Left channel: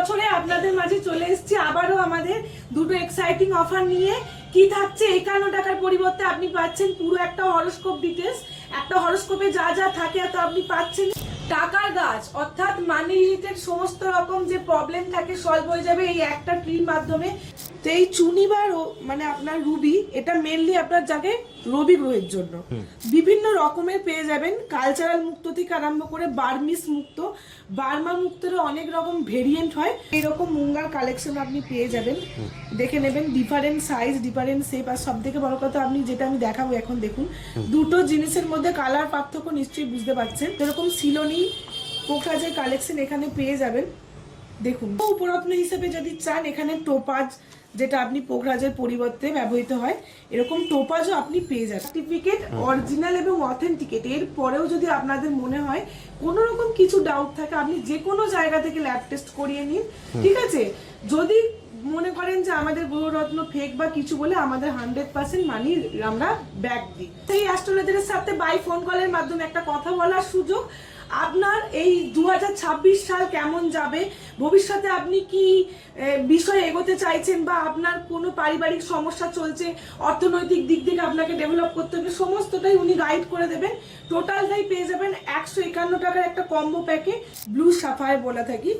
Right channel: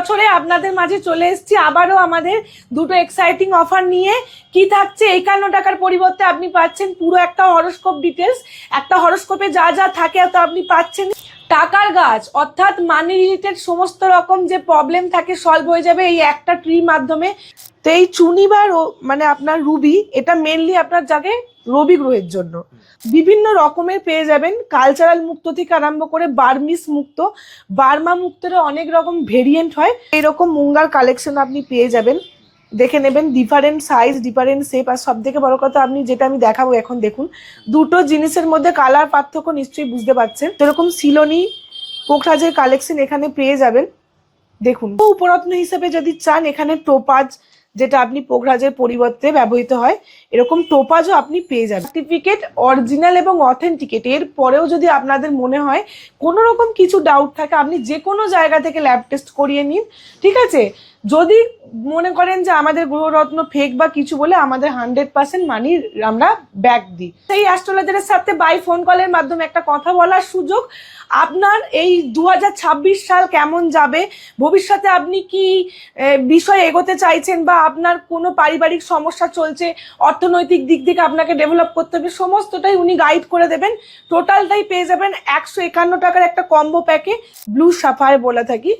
বছরে আপনাদের মাঝে চলে এসেছি আবারও আমাদের দুটো এক্সাইটিং অফার নিয়ে। কি থাকছে, 51 টাকার পরিবর্তে আপনি পাচ্ছেন পুরো একটা হরোস্কোপ ডিটেলস। একটা হরোস্কোপে যা যা থাকে তা আপনি পাচ্ছেন। টাকার গাছ অর্থাৎ মানি রিলেটেড সমস্ত রকম যে প্রবলেম থাকে সলভ হয়ে যাবে এই একটা ট্রির মাধ্যমে। তো এই চুনি বা মানে আপনার রুবি, এটা মেনলি আপনার জাগে রবি গ্রহের জন্য। বিভিন্ন রকমের পেয়ে যাবেন, কালচারাল মুক্ত থেকে আরম্ভ করে বার্মিস মুক্ত, বার্মা মুক্তের অনেক রকম ভেরিয়েন্ট হয়। এরকম মুঙ্গার কালেকশন আপনি পেয়ে যাবেন, দেখে নেবেন। ডিফারেন্ট সাইজ, ডিফারেন্ট শেপ, আর সব থেকে বড় কথা আপনি যেটা আমি দেখাবো এখন দেখুন, দুটো জিনিসের মধ্যে কালার পার্থক্য নিশ্চয়ই বুঝতে পারছেন। এরকম সিলোনি পোখরাজের কালেকশন এখানে পেয়ে যাবেন। দেখুন, উপরত্ন হিসেবে যদি চান এখানে টোপাজ, যেটা আপনি পোখরাজের পরিবর্তে ব্যবহৃত হয়, এরকম টোপাজও আপনি পেয়ে যাবেন। সার্টিফিকেট অরিজিনাল এবং অথেন্টিকেট। এর পরেও যদি আপনাদের মনে হয় কোনো রকম কিছু ডাউট থাকে, আপনি যে কোনো জায়গা থেকে ল্যাব টেস্ট করিয়ে নিন, ঠিক আছে? যদি মনে করেন যে আমাদের গ্রহরত্ন ফেক বা কিছু বলে, আমাদের 100% মানি আমরা ব্যাক দিই। সেই অ্যাস্ট্রোলজারের সাথে বাই ফোন কলের মাধ্যমে একটা কথা বলার সুযোগ। আপনার এই 2026 সাল কেমন যাবে, ভবিষ্যতে আপনি কি বিষয় এগোতে চাইছেন, বা আপনার কোনো পারিবারিক সমস্যা চলছে, অর্থনৈতিক দিক থেকে আপনাকে ডেভেলপ করতে হবে, সমস্তটাই উনি গাইড করে দেবেন। টোটালটাই পেয়ে যাবেন 151 টাকার একটা কম্বো প্যাকে, ব্লু সাফায়ার বলে থাকি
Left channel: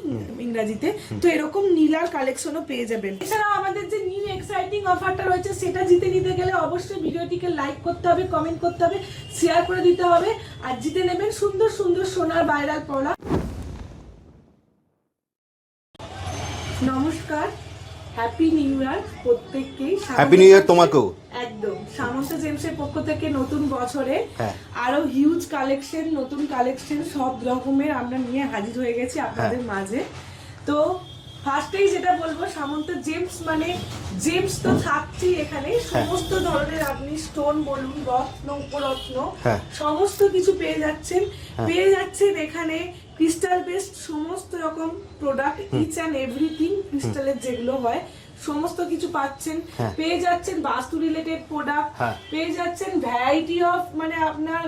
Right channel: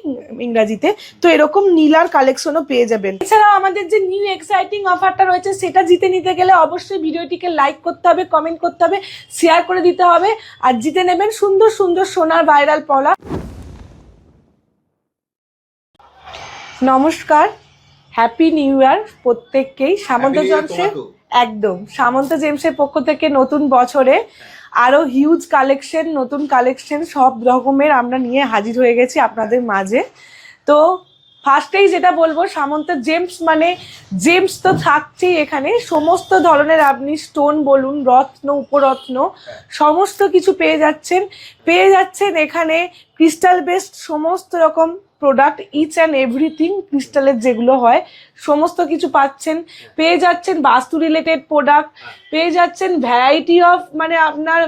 ইংরাজিতে। তো এরকম নীলার কালেকশনও পেয়ে যাবেন। এছাড়াও আমাদের যে নিউ এক্সাইটিং অফারটা রয়েছে, সেটা জিতে নিতে গেলে অবশ্যই ভিডিওটিকে লাইক করতে হবে, কমেন্ট করতে হবে, শেয়ার করে দিতে হবে, আর জিতে নেবেন সুন্দর সুন্দর সোনার ভাইরাল পলা। নমস্কার, হ্যাপি নিউ ইয়ার প্রত্যেককেই। একদম সামন্ত জেমসের পক্ষ থেকে নতুন বছরে আরো হিউজ কালেকশন, নতুন কালেকশন সব রকমের আমরা নিয়ে হাজির হয়ে গেছি আপনাদের মাঝে। তো ফার্স্টেই যেটা বলবো, সামন্ত জেমস মানে জেমস তো থাকছেই এখানে। সমস্ত ধরনের আপনি স্টোন বলুন, রত্ন, উপরত্ন, সমস্ত কিছু পেয়ে যাচ্ছেন। পেয়ে যাচ্ছেন এখানে ক্রিস্টাল বেসড সমস্ত রকম প্রোডাক্ট, ইচ অ্যান্ড এভরিথিং ক্রিস্টালের যেগুলো হয় সমস্ত কিছু পাচ্ছেন। পেয়ে যাচ্ছেন বাস্তু রিলেটেড প্রোডাক্ট, পেয়ে যাচ্ছেন ভ্যারাইটি অফ, মানে আপনার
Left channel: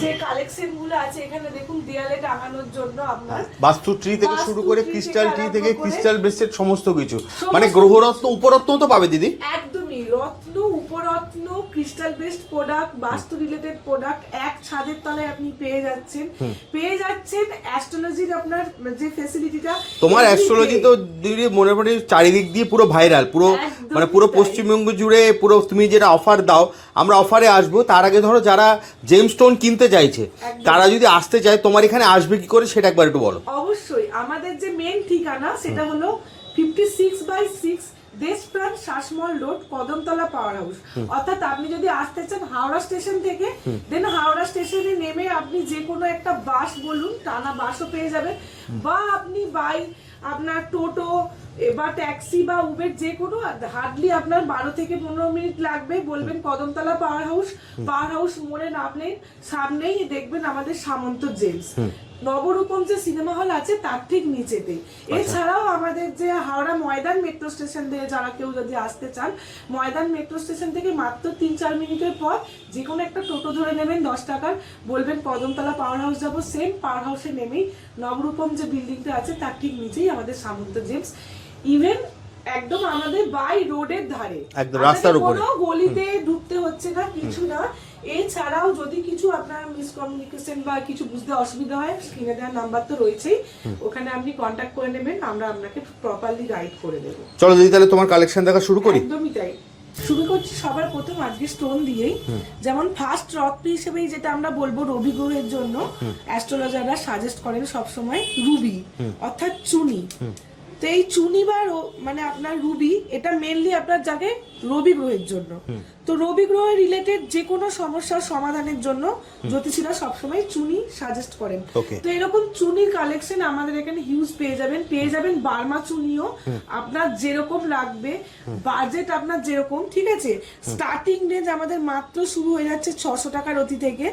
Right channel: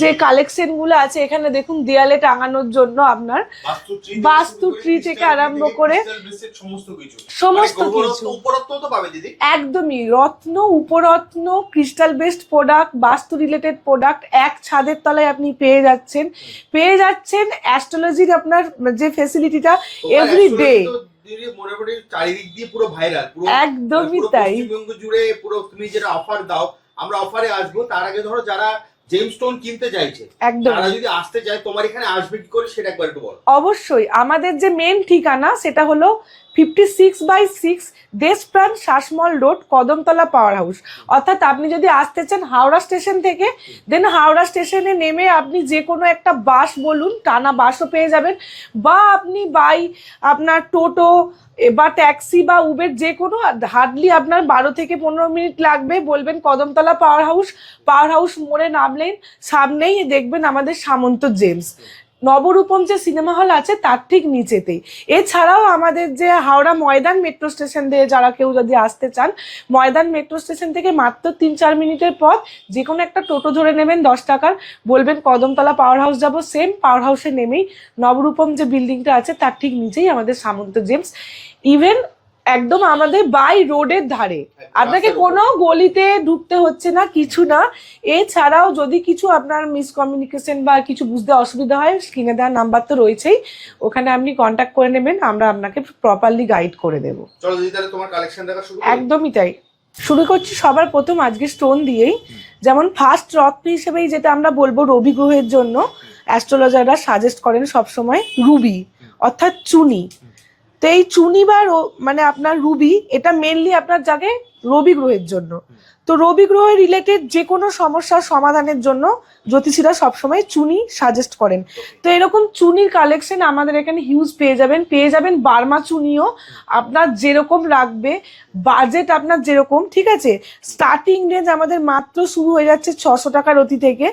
যে কালেকশন গুলো আছে এখানে দেখুন, দেয়ালে টাঙানোর জন্য আপনার বাস্তু ট্রি থেকে শুরু করে ক্রিস্টাল বেসড সমস্ত কিছু, মানে গ্রহরত্ন উপরত্ন তো পাবে দিদি। একদমই রত্ন, উপরত্ন, ক্রিস্টাল বেসড প্রোডাক্ট, বাস্তু রিলেটেড প্রোডাক্ট এক ছাদের তলায় আপনি পেয়ে যাচ্ছেন। পেয়ে যাচ্ছেন অ্যাস্ট্রোলজির আপনার যে ফ্যাসিলিটিটা, তোমার অ্যাস্ট্রোলজি তো দিদি মনে পড়ে চারিদিক দিয়ে পুরো ভাইরাল, পুরো মানে পুরো পশ্চিমবঙ্গ জুড়ে পুরো। তুমি যেটা অফার দাও, আমরা অফারে আসবো। তার আগে ধরো যারা জেমস্টোন কিনতে চাইছে, তারা যদি আসতে চায় তোমার এখানে আসবে কি করে সেটা একবার একটু বলো। অবশ্যই আমাদের যে মেন ঠিকানা সেটা হলো 56/6 Deshapran Sasmal road, Kadamtala power house. অর্থাৎ আপনি যদি আসতে চান হাওড়া স্টেশন থেকে, দেন হাওড়া স্টেশনে নেমে আপনি যে কোনো একটা বাস বলুন, টানা বাসও পেয়ে যাবেন, বা আপনি বাই আপনার টোটো বা ট্যাক্সি বা উবের যে কোনো, হার্ডলি আপনার 12 থেকে 15 মিনিট লাগবে। বলবেন Kadamtala power house, power house মোড়ে নামলেন সামনেই দেখবেন আমাদের সামন্ত জেমস। নবরূপম যে সিনেমা হল আছে তার ঠিক নিচেতেই। এছাড়াও আমাদের যে হাওড়া ময়দান মেট্রো স্টেশন দিয়ে যারা কেউ যদি আসতে চান, ময়দান মেট্রো স্টেশন থেকে মাত্র 3-4 মিনিটের পথ, যে কোনো একটা টোটো ধরে নেবেন 10 টাকার, বলবেন কদমতলা পাওয়ার হাউস যাবো, সেম পাওয়ার হাউসে নেমেই নবরূপম যে বিল্ডিংটা আছে তার ঠিক নিচেই আমাদের সামন্ত জেমস। ইভেন একদম আমাদের বাই রোডের ধারে, আপনাকে কোনো গলিতে ঢুকতে হচ্ছে না, কিছু না। এছাড়াও যদি কিছু আপনার মিসকমিউনিকেশন বা কিছু বুঝতে অসুবিধা হয়, স্ক্রিনে দেওয়ার নাম্বার তো রয়েছেই, ওখানে আপনি কন্ট্যাক্ট করে নেবেন, আমরা আপনাকে প্রপারলি গাইড করে দেবো। চলো দিদি তাহলে তোমার কালেকশন দেখা শুরু করি। একদমই তাই, শুরু করছি সবার প্রথম আজকে স্টোন দিয়েই। যেমন ফার্স্ট রত্ন হিসেবেই যেটা আমরা বলবো রবি গ্রহের জন্য, অ্যাস্ট্রোলজাররা সাজেস্ট করেন সবসময় রুবি অর্থাৎ চুনি। তো এই চুনি বা মানে আপনার রুবি, এটা মেনলি আপনার জাগে রবি গ্রহের জন্য। তো রবি গ্রহ রিলেটেড যে কোনো সমস্যার সমাধানের জন্য জ্যোতিষীরা সবসময় চুনি সাজেস্ট করেন। তো এরকম চুনির কালেকশন আমাদের এখানে হিউজ পেয়ে যাবেন। পেয়ে যাবেন বার্মা চুনিও, আপনার যেরকম লাগবে, বাজেট আপনার যেরকম, ঠিক আছে? স্টার্টিং রেঞ্জ আমাদের মাত্র শুরু হয়ে যাচ্ছে 600 টাকার অতি থেকে,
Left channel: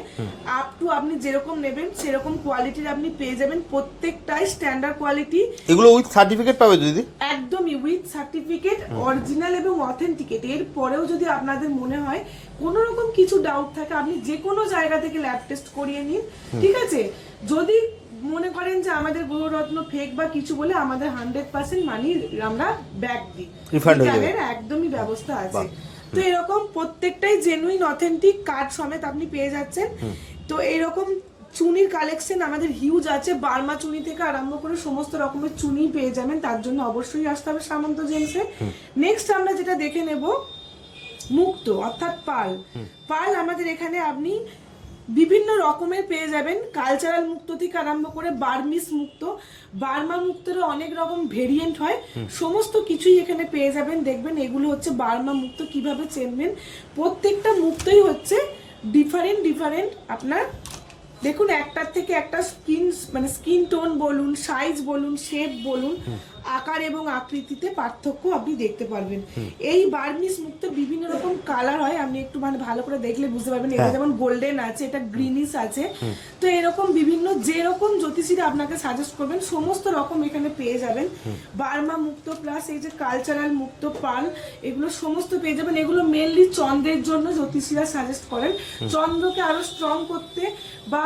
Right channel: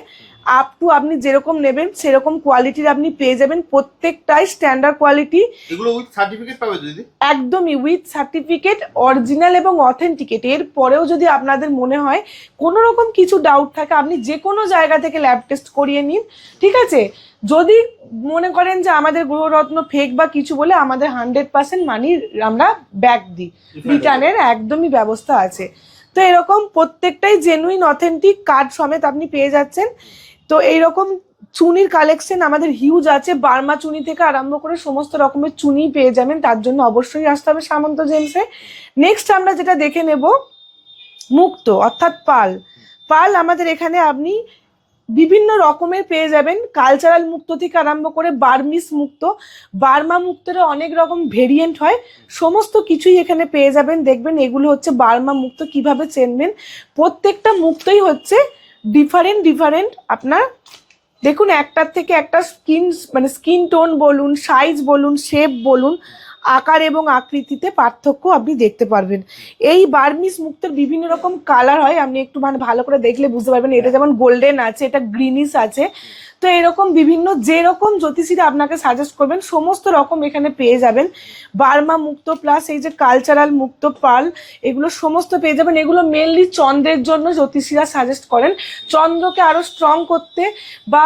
আপ টু আপনি যেরকম নেবেন সেরকম কোয়ালিটির আপনি পেয়ে যাবেন। প্রত্যেকটাই স্ট্যান্ডার্ড কোয়ালিটি। এগুলো উইথ সার্টিফিকেট পাবে দিদি? একদমই উইথ সার্টিফিকেট, অরিজিনাল এবং অথেন্টিকেট। রেট। এর পরেও যদি আপনাদের মনে হয় কোনো রকম কিছু ডাউট থাকে, আপনি যে কোনো জায়গা থেকে ল্যাব টেস্ট করিয়ে নিন, ঠিক আছে? যদি মনে করেন যে আমাদের গ্রহরত্ন ফেক বা কিছু বলে, আমাদের 100% মানি আমরা ব্যাক দিই, রিটার্নের একদমই ব্যবস্থা আছে। তো এরকম প্রত্যেকটাই জেনুইন অথেন্টিক কার্ড সমেত আপনি পেয়ে যাচ্ছেন। তো এইরকম চুনির কালেকশন আমাদের হিউজ আছে, বার্মা চুনি থেকে আরম্ভ করে সমস্ত রকমের চুনি পেয়ে যাবেন। তার জন্য অবশ্যই আসতে হবে সামন্ত জেমসে। নেক্সট আমরা যেটা দেখে নেব মুক্ত অর্থাৎ পাল। পাল আমাদের এখানে আপনি বিভিন্ন রকমের পেয়ে যাবেন, কালচারাল মুক্ত থেকে আরম্ভ করে বার্মিস মুক্ত, বার্মা মুক্তের অনেক রকম ভেরিয়েন্ট হয়, সমস্ত কিছুই এখানে পেয়ে যাবেন। দেখবেন এগুলো হচ্ছে বার্মা মুক্ত। কিভাবে চেনবেন? প্রত্যেকটা মুক্তই হচ্ছে ডিফারেন্ট আপনার দেখুন, একটার থেকে একটা স্কিন টোন বলুন, সাইজ বলুন, শেপ বলুন, আকার এবং আকৃতিতে পার্থক্য আপনি দেখতে পারবেন। এই বার্মিস মুক্তের বিভিন্ন রকম কালার হয়, আপনি একটু ভালো করে দেখলে বুঝতে পারবেন। এটা যেমন গোল্ডেন আছে, এটা গ্রিনিশ আছে। তো এরকম বিভিন্ন যেরকম জ্যোতিষীরা আপনাকে সাজেস্ট করবেন সমস্ত রকম এখানে পেয়ে যাবেন। বার্মা মুক্ত প্লাস এই যে কালচারাল মুক্ত পাল, এগুলো সমস্ত পেয়ে যাবেন। এগুলো মেনলি চন্দ্রের জন্য জ্যোতিষীরা সাজেস্ট করেন, চন্দ্রকে আরো স্ট্রং করতে বা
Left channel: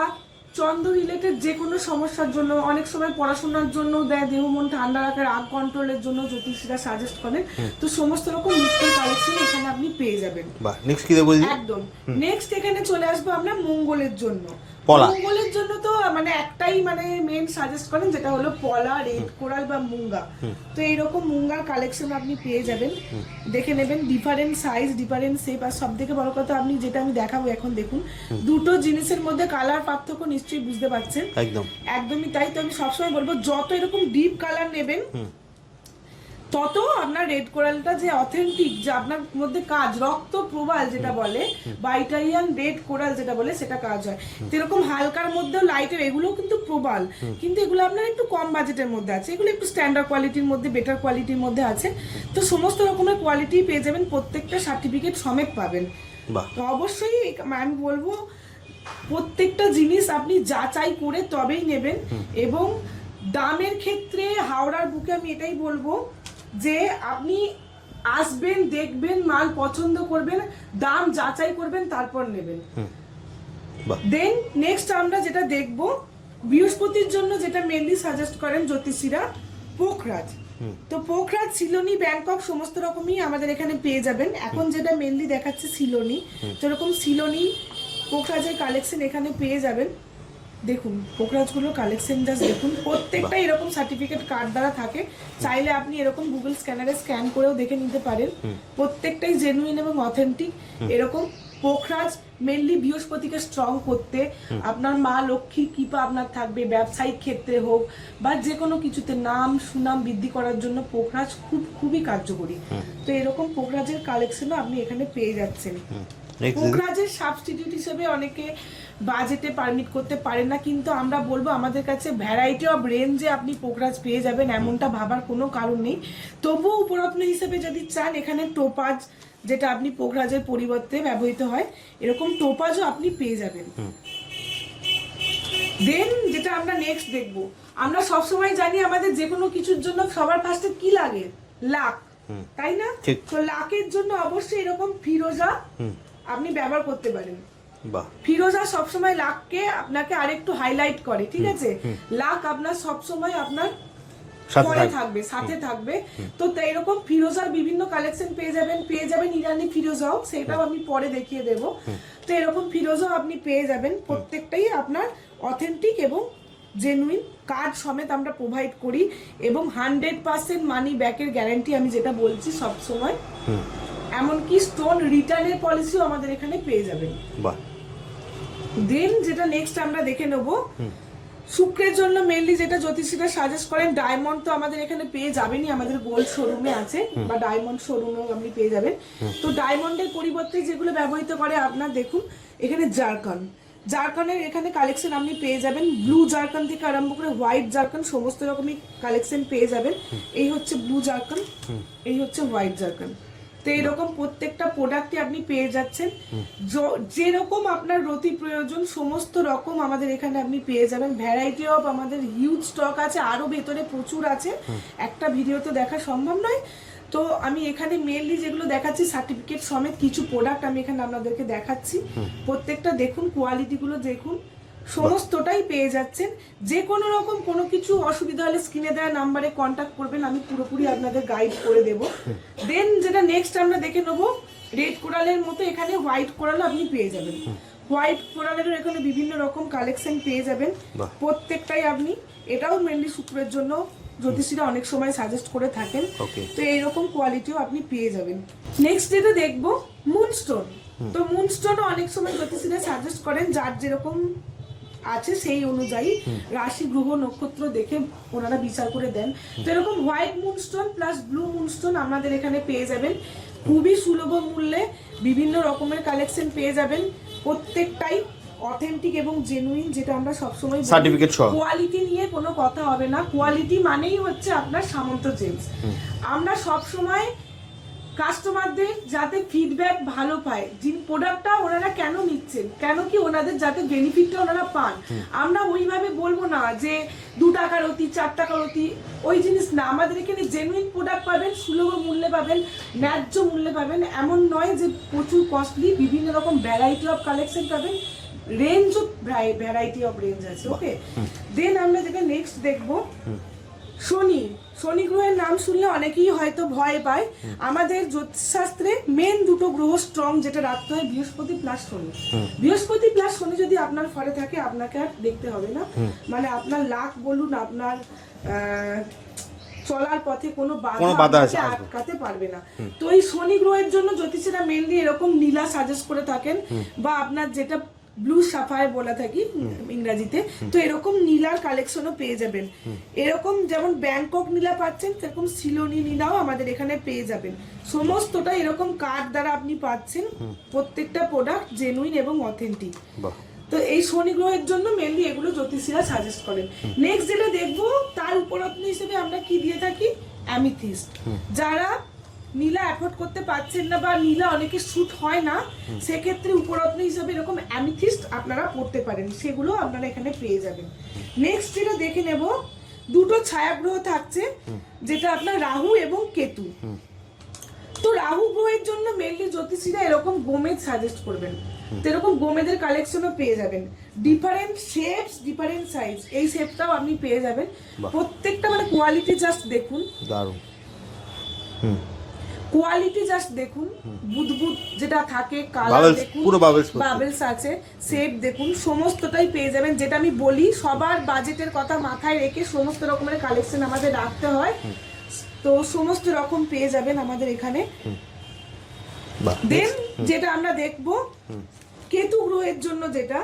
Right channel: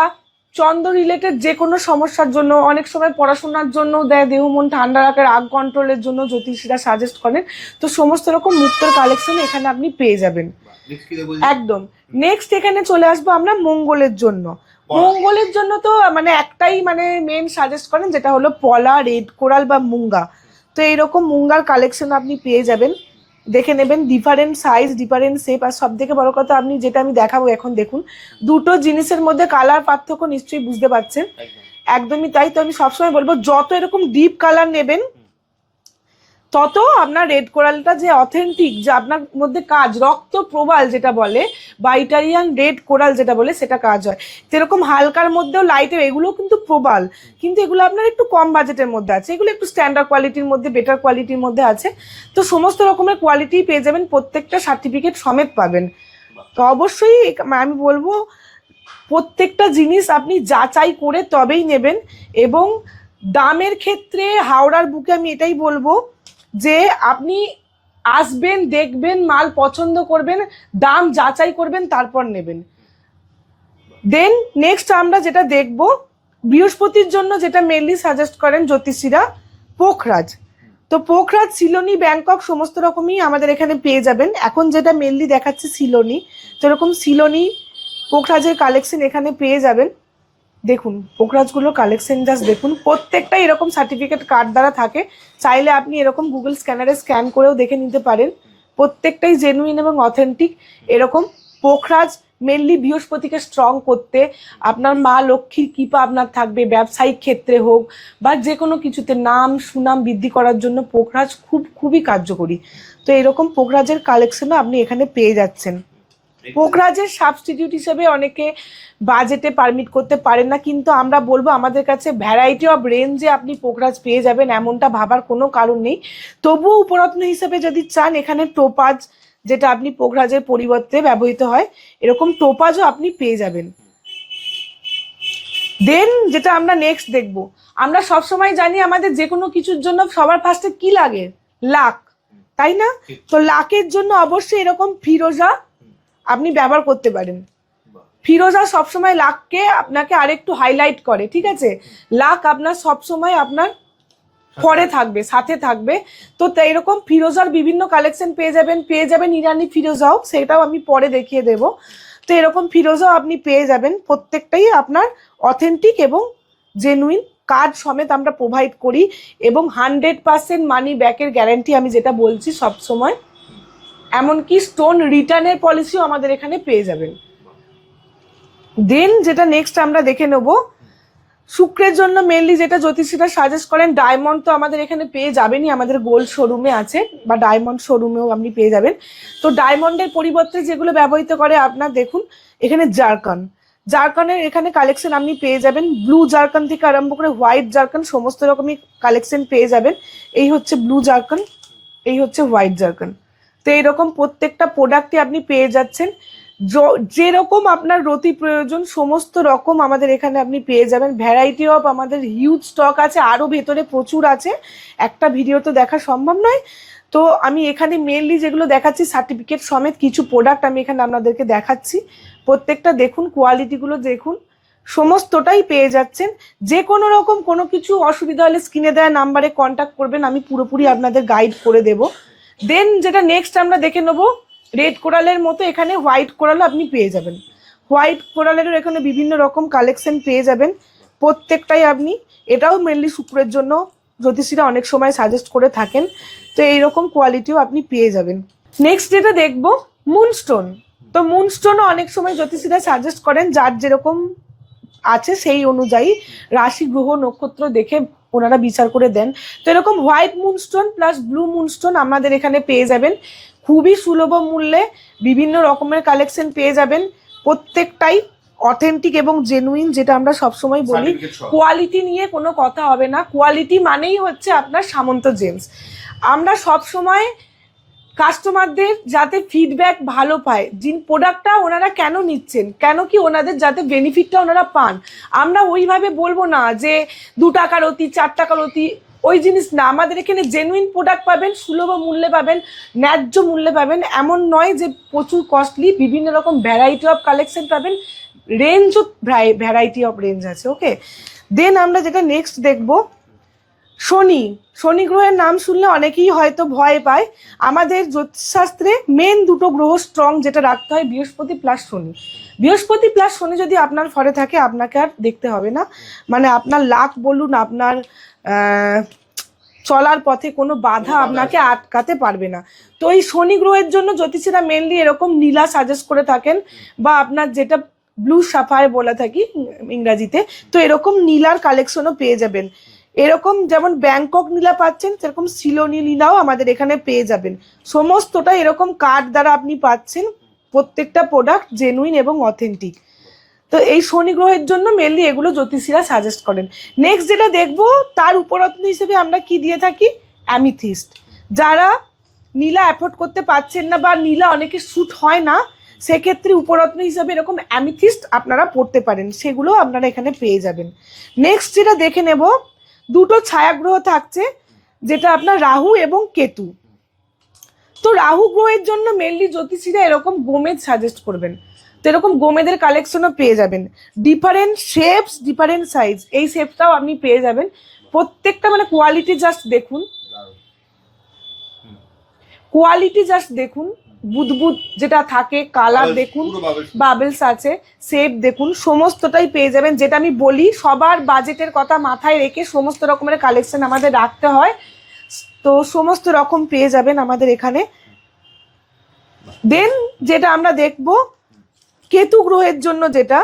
চন্দ্র রিলেটেড যে কোনো সমস্যার জন্য, অনেক সময় পড়াশোনার জন্য দেয়, দেহ মন ঠান্ডা রাখে, রাগ কন্ট্রোলের জন্য জ্যোতিষীরা সাজেস্ট করেন। তো সমস্ত রকম মুক্তর কালেকশন এখানে আপনি পেয়ে যাবেন। একদম। নেক্সট এখানে চলে আসবো আমরা মঙ্গলের জন্য। মঙ্গলের জন্য তো একটাই মেন সাজেস্ট করেন, যেটা হলো পলা, রেড কোরাল বা মুঙ্গা। তো এইরকম মুঙ্গার কালেকশন আপনি পেয়ে যাবেন, দেখে নেবেন। ডিফারেন্ট সাইজ, ডিফারেন্ট শেপ, আর সব থেকে বড় কথা আপনি যেটা আমি দেখাবো এখন দেখুন, দুটো জিনিসের মধ্যে কালার পার্থক্য নিশ্চয়ই বুঝতে পারছেন। একদমই তাই। তো আমি সবসময় বলবো যত এরকম ডিপ কালার নেবেন তত আপনার রেড কোরালটা যে অথেন্টিক, যে আপনার মধ্যে কাজ, রক্ত প্রবাল যেটা বলে, বা ইটালিয়ান রেড কোরাল যেটা বলে, সেটা কাজ হয়। যেরকম হালকার মধ্যেও লাইটের, এগুলো কিন্তু প্রবাল, কিন্তু এগুলো আপনার একটু কম বাজেটের মধ্যে আছে, এগুলো একটু স্ট্যান্ডার্ড কোয়ালিটির মধ্যে, বেটার কোয়ালিটির মধ্যে আছে। তো সমস্ত রকমের কোয়ালিটি পেয়ে যাবেন, প্রত্যেকটা সার্টিফিকেট সমেত পাবেন। তো অবশ্যই আমি বলবো প্রত্যেকটা জিনিস আপনি যাচাই করে তবেই নেবেন। এবং দামের ক্ষেত্রে হাওড়ার বুকে আমি এটাই বলবো যে আপনি আসবেন, দেখবেন, মাল পছন্দ করবেন, দাম যাচাই করবেন, তারপর নেবেন। দেন নেক্সট আমরা যেটা দেখব, বৃহস্পতির জন্য যেটা মেনলি সাজেস্ট করেন জ্যোতিষীরা, পোখরাজ। তো পোখরাজ, সিলোনি, ব্যাংকক সমস্ত রকমই আমাদের এখানে পেয়ে যাবেন। এখন যেটা মেনলি দেখাচ্ছে সিলোনি, তো এরকম সিলোনি পোখরাজের কালেকশন এখানে পেয়ে যাবেন। দেখুন পোখরাজগুলোর কালেকশন জাস্ট দেখুন, প্রত্যেকটা এরকম সার্টিফিকেট কার্ড দ্বারা থাকে। চাইলে আপনি এরকম গুগল স্ক্যানারে স্ক্যান করেও দেখে নিতে পারেন। প্রত্যেকটাই জেনুইন এবং অথেন্টিক। এরকম পোখরাজ মেনলি বৃহস্পতিকে স্ট্রং করতে, আপনার মা লক্ষ্মীর কৃপা আপনার থাকবে, ব্যবসায়িক ক্ষেত্রে হোক বা যে কোনো কিছুতে নাম সুনাম বৃদ্ধি করার জন্য পোখরাজ খুবই কার্যকরী। তো এরকম পোখরাজের কালেকশনও আপনি এখানে পেয়ে যাচ্ছেন। পোখরাজের সাবস্টিটিউট হিসেবে অনেকে বাজেটে পারমিট করতে পারেন না, কিন্তু আমরা বলবো আমাদের কাছে ভ্যারাইটি অফ রেঞ্জে আপনি পোখরাজ পেয়ে যাবেন, এমনটা ভাবার কোনো কারণ নেই। তবুও উপরত্ন হিসেবে যদি চান, এখানে টোপাজ যেটা আপনি পোখরাজের পরিবর্তে ব্যবহৃত হয়, এরকম টোপাজও আপনি পেয়ে যাবেন। দেন যেটা আমরা নেক্সট দেখবো, আমরা সবসময় জানি আমাদের যে কোনো কিছুর জন্য সবার ফার্স্টে কি লাগে, লাক, তাই না? তো লাকের জন্য অবশ্যই এরকম ফিরোজা আপনি ব্যবহার করতে পারেন। ফিরোজা সবসময় লাককে আপনাকে আরেকটু হাইলাইট করে, ঠিক আছে? লাক আপনার সবসময় আপনার পরে থাকবে, সাথে থাকবে। তো এরকম ফিরোজার বিভিন্ন কালেকশন পেয়ে যাবেন ইরানি ফিরোজাও, সেটাও আমি পরে দেখিয়ে দেব। তো এরকম ফিরোজাও আপনি পেয়ে যাবেন, প্রত্যেকটাই আপনার অথেন্টিক এবং জেনুইন কার্ড সমেত আমরা প্রোভাইড করি, এবং 100% মানি ব্যাকের গ্যারান্টি আমি যেটা বলছি সবসময়। এমনকি স্টোন রিটার্নের পলিসিও আমাদের এখানে পেয়ে যাবেন। দেন যেটা নেক্সট আমরা দেখে নেব, শুক্রের জন্য মেনলি যেটা জ্যোতিষীরা সাজেস্ট করেন, ডায়মন্ড তো আমাদের এখানে পেয়ে যাবেনই, আমাদের গোল্ড শোরুমে আছে বা ডায়মন্ড শোরুমেও আপনি পেয়ে যাবেন। তো ডায়মন্ডের পরিবর্তে যেগুলো ব্যবহৃত করে আপনার দেখুন এখানে জারকানের এখানে কালেকশন আপনি পেয়ে যাবেন। ব্লু জারকান থেকে আরম্ভ করে হোয়াইট জারকান সমস্ত রকমই কালেকশন পেয়ে যাবেন। এই হচ্ছে ব্লু জারকান, এই হচ্ছে হোয়াইট জারকান। তো এরকম প্রত্যেকটা প্রোডাক্টই আপনি পেয়ে যাচ্ছেন, যেরকম আপনার রতি প্রয়োজন সমস্ত রকম আমাদের এখানে আপনি পেয়ে যাবেন। ভ্যারাইটি অফ আমাদের হিউজ স্টক আছে, আরো ভেতরে প্রচুর আছে, একটা ভিডিও তো দেখা সম্ভব নয়। তো আমি এখানে মেনলি যেগুলো দেখাচ্ছি সার্টিফিকেট সমেত কিছু প্রোডাক্ট আমি এখানে আপনাদেরকে দেখাচ্ছি। প্রত্যেকটা দেখুন, কোয়ালিটিগুলো দেখুন, সমস্তটাই পেয়ে যাচ্ছেন। যে কোনো রকম কোনো কিছু অসুবিধা হলে স্ক্রিনে দেওয়া নাম্বারে কন্ট্যাক্ট করবেন, আমি পুরোপুরি আপনাদের গাইড করে দেব। দেন যেটা নেক্সট আমরা দেখে নেবো, রেড কোরালের মতো এখানে হোয়াইট কোরালও আপনি পেয়ে যাবেন। হোয়াইট কোরালেরও এখানে বিভিন্ন রকম কালেকশন পেয়ে যাবেন, প্রত্যেকটাই আপনি, এটাও মেনলি শুক্রের জন্য জ্যোতিষীরা অনেক সময় সাজেস্ট করে থাকেন। তো এইরকম কোয়ালিটিও আপনি পেয়ে যাবেন। নেক্সট যেটা দেখবো মুনস্টোন। তো মুনস্টোনও অনেক সময় জ্যোতিষীরা সাজেস্ট করেন, যার যেরকম আছে সেই অনুযায়ী রাশি গ্রহ নক্ষত্র দেখে ওনারা বিচার করে দেন। তো এরকম white moonstone plus blue moonstone আমাদের এখানে পেয়ে যাবেন খুবই সুলভ মূল্যে। বিভিন্ন রকমের কালেকশন পেয়ে যাবেন, প্রত্যেকটাই অথেন্টিক এবং জেনুইন, যেটা আমরা সবসময় বলি। কোয়ালিটি নিয়ে কোনো কথা হবে না, কোয়ালিটি মানেই হচ্ছে আপনার সামন্ত জেমস। আমরা সবসময় কাস্টমারদের যাতে ফিডব্যাক ভালো পায়, যিনি প্রোডাক্টটা ওনারা কেন নিচ্ছেন, কেন কি ওনাদের যাতে বেনিফিটটা ওনারা পান, আমরা ওইভাবে বলবো না যে 2 টাকার অতি 4 টাকার অতি, ওই জিনিস না। আমাদের এখানে জেনুইন প্রোডাক্ট পাবেন, সুলভ মূল্যে পাবেন, ন্যায্য মূল্যে পাবেন। এমন নয় যে প্রচুর কস্টলি, বিভিন্ন রকম ভ্যারাইটি অফ কালেকশন পাবেন, রেঞ্জও ভ্যারাইটি অফ রেঞ্জ আছে। ওকে, দেন আমরা যেটা নেক্সট দেখবো শনি। শনি গ্রহের নাম শুনলে অনেকেই হয়তো ভয় পায়। আমাদের জ্যোতিষশাস্ত্রে মেন 2টো গ্রহ স্ট্রং যেটা রাখতে হয়, বৃহস্পতি প্লাস শনি। বৃহস্পতি প্লাস শনি যদি আপনার ঘরে থাকে, আপনাকে আর দেখতে হবে না, মানে আপনার লাক বলুন, আপনার চলার পথে কোনো বাধা আপনাকে আটকাতে পারবে না। তো এই শনি গ্রহের জন্য জ্যোতিষীরা মেনলি এরকম নীলা সাজেস্ট করে থাকেন, বা আপনার যেটা ব্লু সাফায়ার বলে থাকি ইংরাজিতে। তো এরকম নীলার কালেকশনও পেয়ে যাবেন। এরকম যেমন ব্যাংকক নীলা পাচ্ছেন, সেরকম সিলোনি নীলাও আমাদের এখানে পেয়ে যাবেন। সমস্তটা এরকম কার্ড দ্বারা আপনি পাচ্ছেন, প্রত্যেকটা প্রোডাক্ট জেনুইন এবং অথেন্টিক। তো এই শনি গ্রহের জন্য মেনলি এগুলো জ্যোতিষীরা সাজেস্ট করেন। নেক্সট যেটা দেখবো, তার উপরত্ন হিসেবে আমরা কি দিয়ে থাকি, অ্যামিথিস্ট। যারা নীলা অ্যাফোর্ড করতে পারছেন না, বা নীলা অনেকে স্যুট হয় না, সেক্ষেত্রে উপরত্ন হিসাবে এরকম অ্যামিথিস্ট আপনারা পড়তে পারেন, সেগুলো আপনারা এখানে পেয়ে যাবেন। নেক্সট যেটা দেখে নেব, 2টো ছায়াগ্রহ থাকছে, যেটা আপনার রাহু এবং কেতু। তো রাহু গ্রহের জন্য মেনলি জ্যোতিষীরা এরকম গোমেদ সাজেস্ট করবেন। তো এরকম গোমেদের কালেকশনও পেয়ে যাবেন, ডিফারেন্ট শেপস, ডিফারেন্ট সাইজ, এই শেপটাও আপনি পেয়ে যাবেন। প্রত্যেকটা মানে কোয়ালিটি জাস্ট দেখুন, কোয়ালিটি জাস্ট দেখুন, বুদবুদ যেটা থাকে, কালার দেখুন, বাবেলস আছে, শেপ দেখুন, সমস্তটাই পেয়ে যাবেন। যেটা আমি বলি, সবার বাজেটের কথা মাথায় রেখে সমস্ত রকমের কালেকশন আমাদের রাখতে হয়। তো সমস্ত রকম পেয়ে যাবেন আমাদের এখানে। দেন যেটা আমরা দেখবো, কেতু গ্রহের জন্য যেটা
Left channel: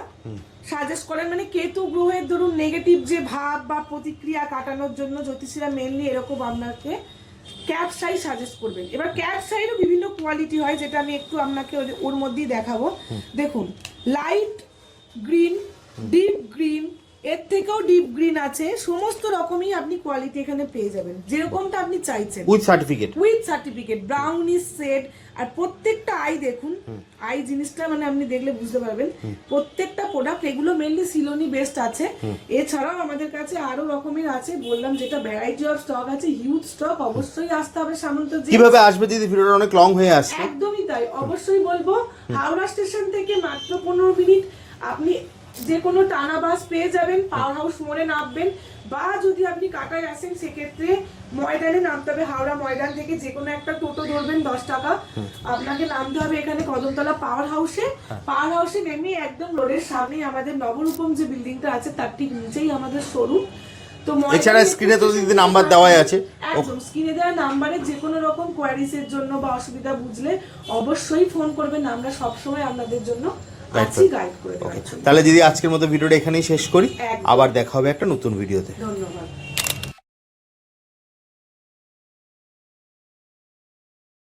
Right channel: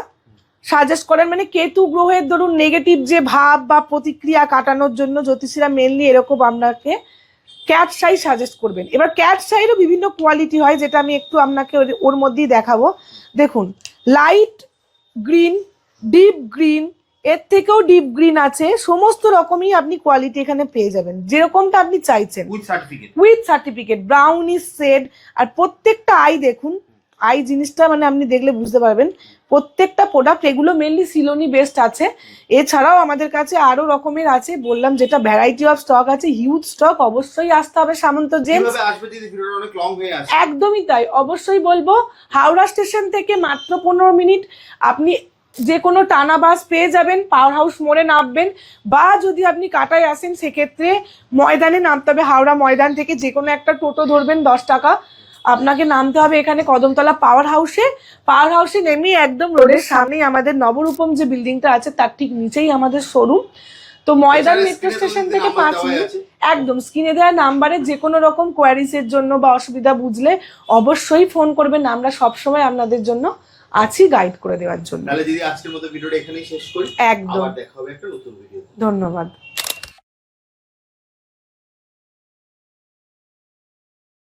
সাজেস্ট করেন, মানে কেতু গ্রহের ধরুন নেগেটিভ যে ভাব বা প্রতিক্রিয়া কাটানোর জন্য জ্যোতিষীরা মেনলি এরকম আপনাকে ক্যাট শাই সাজেস্ট করবেন। এবার ক্যাট শাইরও বিভিন্ন কোয়ালিটি হয়, যেটা আমি একটু আপনাকে ওর মধ্যেই দেখাবো। দেখুন, লাইট গ্রিন, ডিপ গ্রিন, এর থেকেও ডিপ গ্রিন আছে, সমস্ত রকমই আপনি কোয়ালিটি এখানে পেয়ে যাবেন, যেরকমটা আপনি চাইছেন, উইথ সার্টিফিকেট, ব্রাউনিশ শেড। আর প্রত্যেকটা আই দেখুন, আই জিনিসটা মানে আপনি দেখলে বুঝতে পারবেন। প্রত্যেকটা প্রোডাক্ট এগুলো মেনলি সিলোনি বেস্ট আছে। এছাড়াও আমাদের কাছে আরো রকমের আছে, বললাম যেটা ভ্যারাইটি অফ স্টক আছে, হিউজ স্টক। অবশ্যই আসতে হবে সামন্ত জেমস। কিভাবে আসবে দিদি, ভিডিওটা অনেক লং হয়ে আসছে। একদমই তাই, অবশ্যই বলবো, হাওড়া স্টেশন থেকে মাত্র 15 মিনিট আপনি যে কোনো টানা বাস পেয়ে যাবেন, পাওয়ার হাউস মোড়ে নামবেন, বা যদি আপনি কাটায় আসেন সেক্ষেত্রে ময়দানে নামতে হবে। হাওড়া ময়দান থেকে যে কোনো একটা টোটো ধরবেন, 10 টাকা আপনাকে নামতে হবে এখানে কদমতলা পাওয়ার হাউসে। পাওয়ার হাউসে নেমে একদম রোডের সামনেই আমাদের নবরূপম যে বিল্ডিংটা আছে, তার ঠিক নিচেই আমাদের শোরুম। তো ময়দানে স্ক্রিনে তো দিদি নাম্বার দেওয়াই আছে, একদম স্ক্রিনে দেওয়া নাম্বারে যে কোনো রকম কোয়ারিজের জন্য বা অসুবিধা বুঝলে অবশ্যই ফোন করবেন। আমরা সবসময় আপনাদের জন্য আছি গাইড করে দেওয়ার জন্য। তাহলে দিদি আজকের মতো ভিডিওটা এখানেই শেষ করি, আবার দেখা হবে একটা নতুন ভিডিওতে। ধন্যবাদ।